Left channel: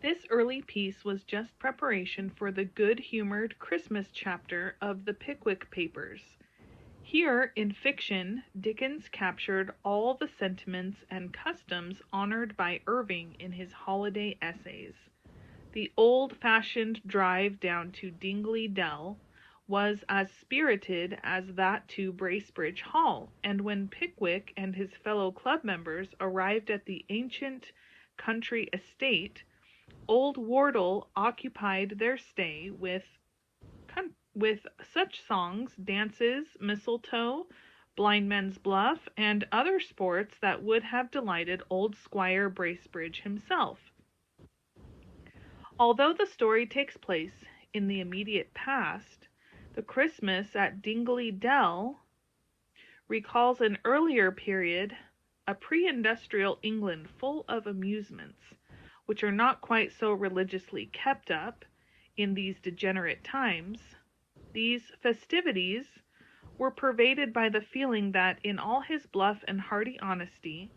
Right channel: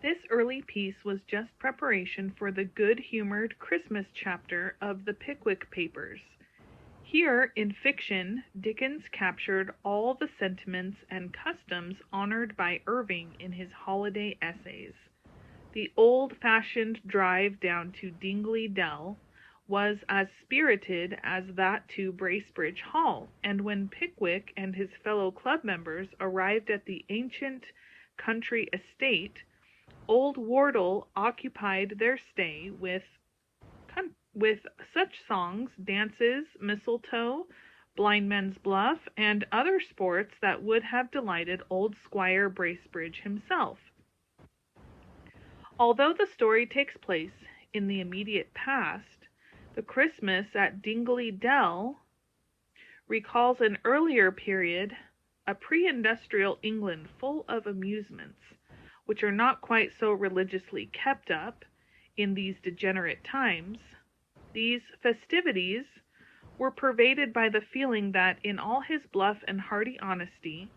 This early piece was just preparation for the good-humored Christmas chapter of the Pickwick Papers. Here, in fiction, Dickens captured all the sentiments and customs honored by Irving in his holiday essays. The old-fashioned drive down to Dingley Dell was as spirited as that to Bracebridge Hall, and when Pickwick and his fellow club members arrived at the ancient country estate, old Wardle occupied their stay with such songs, dances, mistletoe, blindman's buff, and other sports that would have delighted old Squire Bracebridge himself. Although the story takes place in the immediate past, the Christmas at Dingley Dell recalls an earlier period, a pre-industrial England full of amusements, which are not quite so religiously kept up in these degenerate times. These festivities were pervaded by the feeling that, in all his bluff and hearty honesty,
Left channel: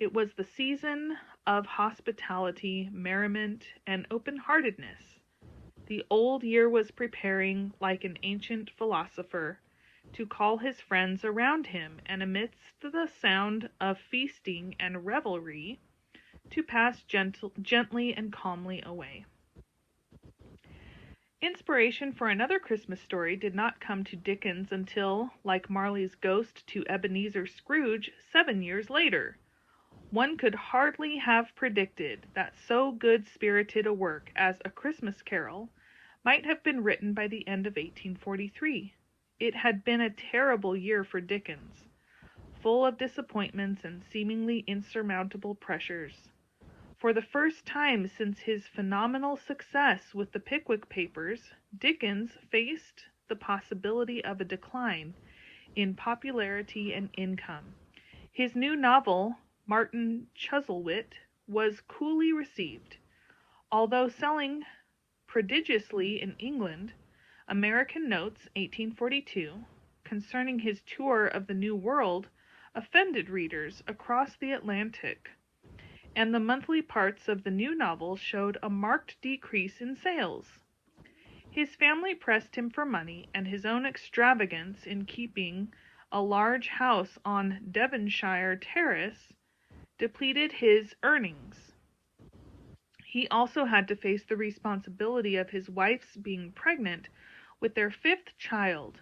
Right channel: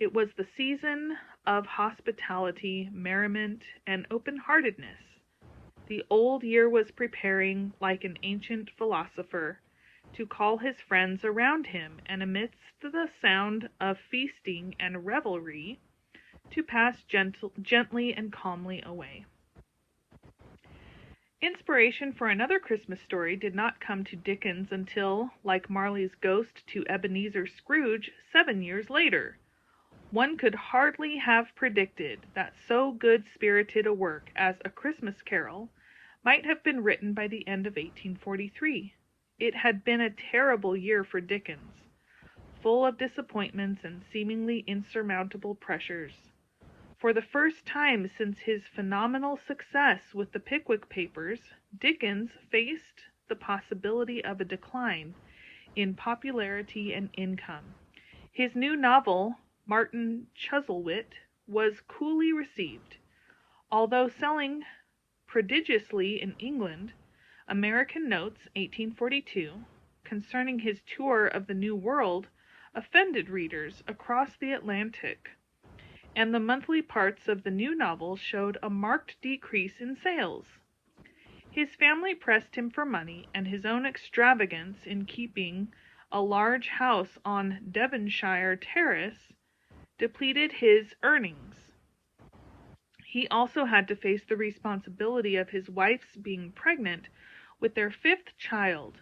it was the season of hospitality, merriment, and open-heartedness. The old year was preparing, like an ancient philosopher, to call his friends around him, and amidst the sound of feasting and revelry, to pass gently and calmly away. Inspiration for another Christmas story did not come to Dickens until, like Marley's ghost to Ebenezer Scrooge, 7 years later. One could hardly have predicted that so good-spirited a work as A Christmas Carol might have been written by the end of 1843. It had been a terrible year for Dickens, full of disappointments and seemingly insurmountable pressures. For the first time since his phenomenal success with the Pickwick Papers, Dickens faced the possibility of a decline in popularity and income. His new novel, Martin Chuzzlewit, was coolly received. Although selling prodigiously in England, American Notes, 1842, concerning his tour of the New World, offended readers across the Atlantic, and the monthly parts of the new novel showed a marked decrease in sales. His family pressed him for money, and his own extravagance in keeping a large house on Devonshire Terrace depleted his earnings. He also had to face the responsibility of his wife's being pregnant with their 5th child.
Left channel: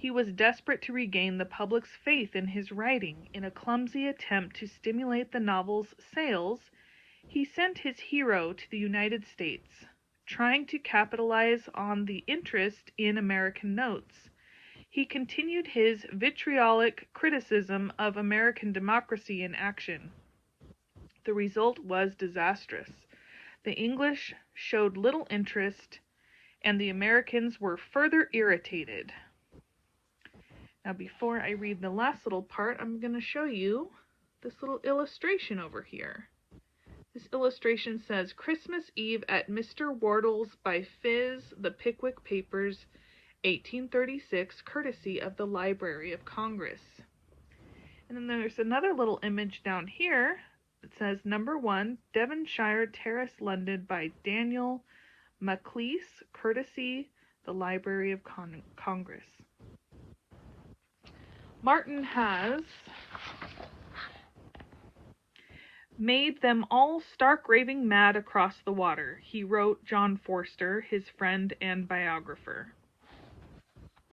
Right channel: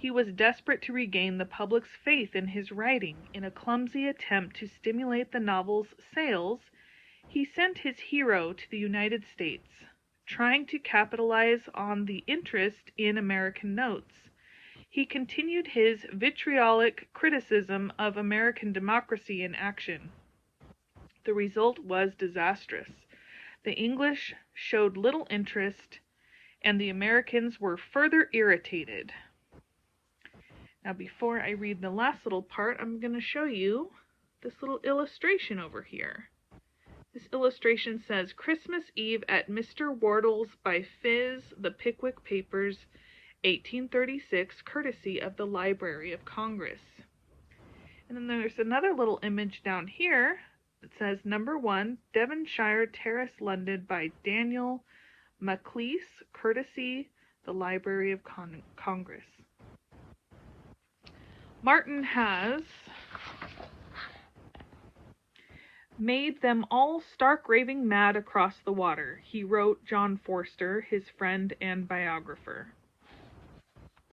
He was desperate to regain the public's faith in his writing. In a clumsy attempt to stimulate the novel's sales, he sent his hero to the United States, trying to capitalize on the interest in American Notes. He continued his vitriolic criticism of American democracy in action. The result was disastrous. The English showed little interest, and the Americans were further irritated. Now, before I read the last little part, I'm going to show you this little illustration over here. This illustration says, Christmas Eve at Mr. Wardle's by Phiz, The Pickwick Papers, 1836, courtesy of the Library of Congress. And then there's another little image down here that says, Number 1, Devonshire Terrace, London, by Daniel Maclise, courtesy the Library of Congress. Martin has made them all stark raving mad across the water, he wrote John Forster, his friend and biographer.